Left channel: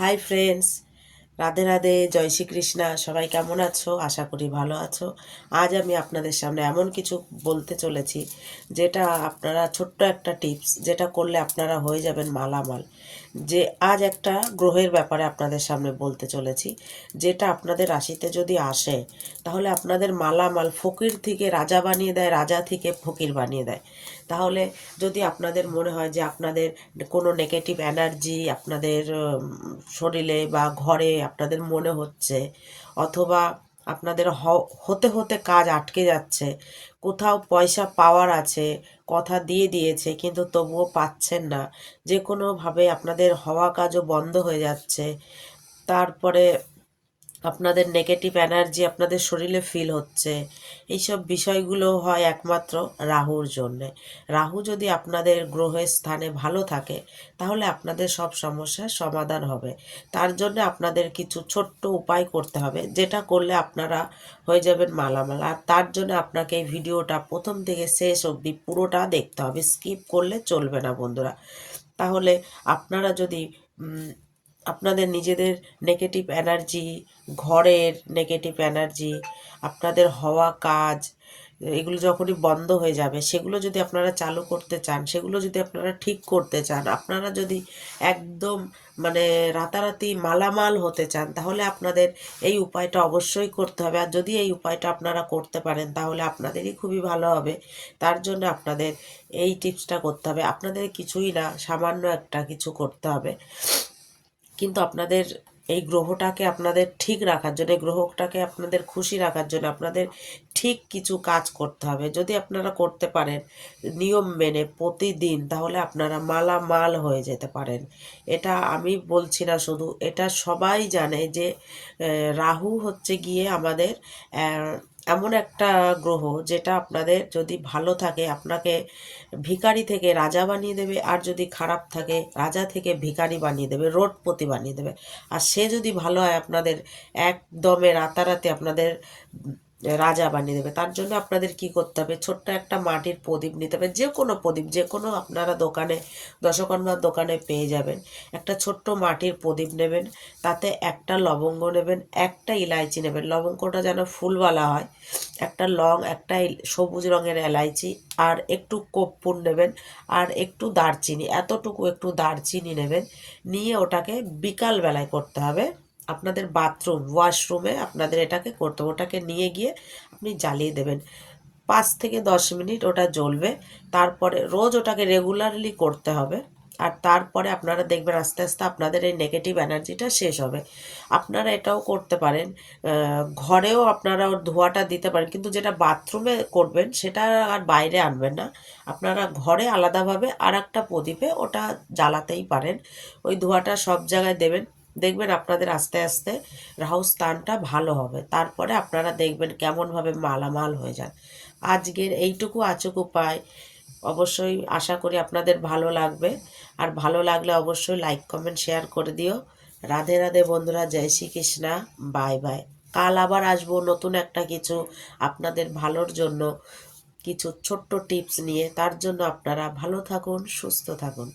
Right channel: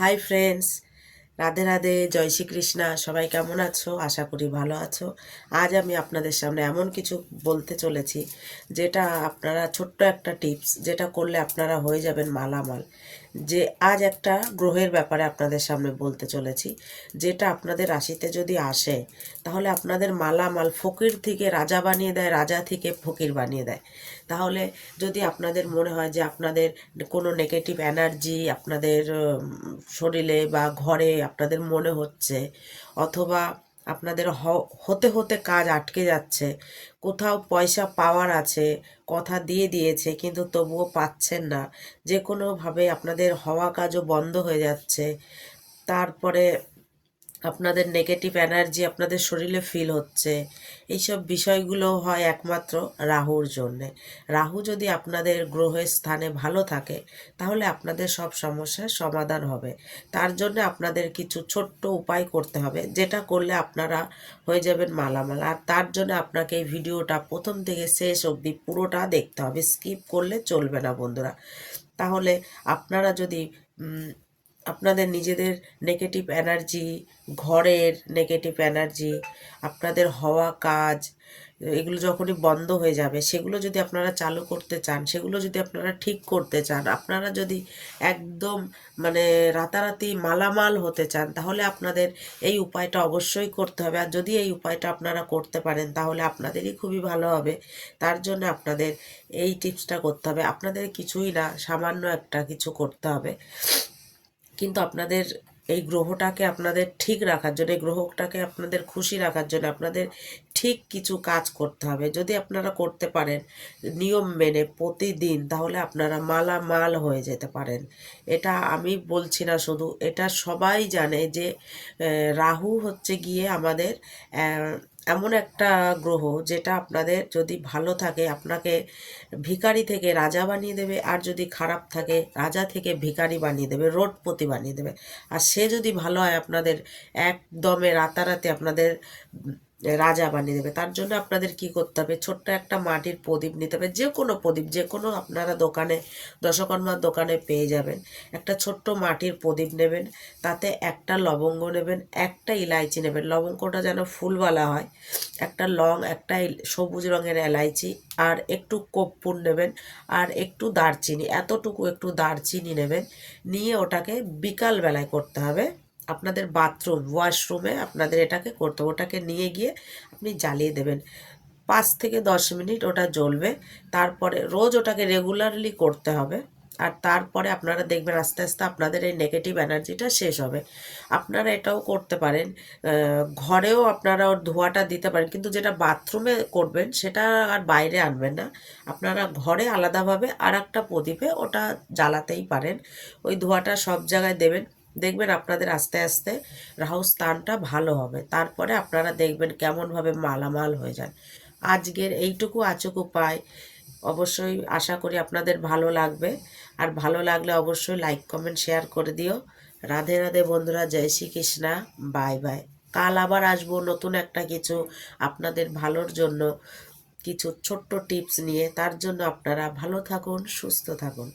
Hi friends, Radhe Radhe, জয় শ্রীকৃষ্ণা। সবাই কেমন আছো? আশা করি ভালো আছো। আজ আমি আপনাদের সামনে এমন কিছু বলতে চলেছি যেটা আপনারা, ছোট্ট একটা টিপস যেটা করলে আপনারা হয়ে যাবেন মালামাল। যে আজ একটা গ্রহের ব্যাপারে আপনাদের সামনে বলতে চলেছি, যেটা আপনাদের রাশিতে যদি আসে তাহলে আপনাদের মালামাল ফকির থেকে রাজা বানিয়ে দেয়, রাজা থেকে ফকির বানিয়ে দেয়। তাহলে যদি আপনাদের মনে হয় যে আপনাদের কোনো নেগেটিভ এনার্জি আপনাদের শরীরে বা ঘরে আপনাদের মনে হচ্ছে, অথবা আপনাদের হতে হতে কাজ আটকে যাচ্ছে, কোথাও পয়সা পাওয়ার আছে, কথা দিয়ে দিয়েছে কিন্তু তবুও পাচ্ছেন না, যে কোনোভাবে আপনাদের হওয়া কাজও বন্ধ হয়ে যাচ্ছে, তারপরে আপনাদের নেগেটিভ এনার্জি আপনাদের শরীরে ফিল হচ্ছে, এইসব বিষয়গুলো হয় একমাত্র রাহুর জন্যে। রাহু যদি আপনাদের গ্রহের স্থানে ভালো থাকে তাহলে আপনাদের সব সমস্যার সমাধান হবে। তার জন্য আপনাদের কিছু ছোট্ট উপায় করতে হবে, যেটা করলে আপনারা হয়ে যাবেন মালামাল। আর তার জন্য আপনাকে এই ভিডিওটা প্রথম থেকে শেষ অবধি পুরোটা দেখতে হবে, স্কিপ করলে চলবে না বন্ধুরা। তাহলে আপনারা যদি আপনাদের নিজেদের নেগেটিভ এনার্জি, ঘরের নেগেটিভ এনার্জি, আপনাদের হওয়া কাজ, এগুলো যখনই বন্ধ হয়ে যাবে, সেগুলো যদি আপনারা চালু করতে চান, সেগুলো যদি আপনারা ঠিক করতে চান, আপনারা যদি একদম মানে রাতারাতি মালামাল হতে চান, তাহলে আপনাদের এই উপায়টা অবশ্যই করতে হবে। আর যদি এই উপায়টা আপনারা করতে পারেন তাহলে আপনাদেরই খুবই ভালো হবে। তার জন্য আপনাদের এই টিপসটা করতে হবে। আপনাদের কিছুই না, সামান্য একটা কিছু করতে হবে, কিন্তু আপনাদের এই গ্রহটাকে আপনাদের ঠিক রাখার জন্য, এই গ্রহটাকে আপনাদের খুশি রাখার জন্য আপনাদের ঠিক কিছু কাজ করতে হবে। যদি আপনারা করতে পারেন নিয়ম মেনে প্রতিদিন, তাহলে আপনারা মালামাল হয়ে যেতে পারেন। এটা আমি বলছি না, শুধু এটা সবাই জানে যে রাহু হচ্ছে গিয়ে আমাদের এমন একটা গ্রহ যেটা আপনাদের যদি ভালো থাকে আপনাকে ভিখারি থেকে রাজা বানিয়ে দেবে, আর যদি খারাপ থাকে রাজা থেকে ভিখারি বানিয়ে দেবে, রোডপতি বানিয়ে দেবে। আর সে যদি ভালো হয় আপনাদের একদমে রাতারাতি আপনাদের রাজা বানিয়ে দেবে। তার জন্য আপনাদের কি করতে হবে, ছোট্ট একটা মাটির প্রদীপ নিতে হবে, যে কোনো প্রদীপ, যে কোনো আপনারা দোকানে, দশকর্মার দোকানে পেয়ে যাবেন। একটা ছোট্ট মাটির প্রদীপ নেবেন, তাতে একটা লবঙ্গ নেবেন, একটা ইলাইচি নেবেন, লবঙ্গটা যেন ফুলওয়ালা হয়, একটা লং, একটা সবুজ রঙের এলাইচি, আর একটু কর্পূর নেবেন, আর একটু দারচিনি, এতটুকু একটু দারচিনি নেবেন। নিয়ে ওটাকে বিকাল বেলায় করতে হবে, আপনাদের বাথরুম ওয়াশরুমে আপনাদের এটাকে করতে হবে। ওটাকে নিয়ে গিয়ে আপনি জ্বালিয়ে দেবেন, 5 থেকে 10 মিনিট ওটা জ্বলবে। তারপরে রোজ ওটাকে রেগুলারলি করতে হবে। আর তারপরে আপনারা দেখবেন আস্তে আস্তে আপনাদের এই নেগেটিভ এনার্জিটা শেষ হবে। আপনারা এটাও করতে পারেন, ঘরেও আপনারা ওর ধোঁয়াটা দিতে পারেন, কিন্তু যেটা বাথরুমে করবেন সেটা আর বাইরে আনবেন না। আপনারা ঘরে আলাদাভাবে আর একটা প্রদীপে ওটা জ্বালাতেই পারেন, ওই ধোঁয়াটা সব জায়গায় দেবেন। দেখবেন আপনাদের আস্তে আস্তে রাহু স্থানটা ভালো হবে। তারপরে আপনারা দেখবেন কেমনভাবে মালামাল হয়ে যান। আজকের এইটুকু আচুক উপায় অবশ্যই আশা করি আপনাদের ভালো লাগবে। আর ভালো লাগলে অবশ্যই লাইক কমেন্ট শেয়ার করে দিও। রাধে রাধে বন্ধুরা, জয় শ্রীকৃষ্ণা, বাই বাই। কাল আবার আসবো নতুন একটা কিছু আপনাদের ভালোর জন্য, কিছু ছোট্ট টিপস নিয়ে। তার জন্য আপনারা ভালো থাকুন, সুস্থ থাকুন।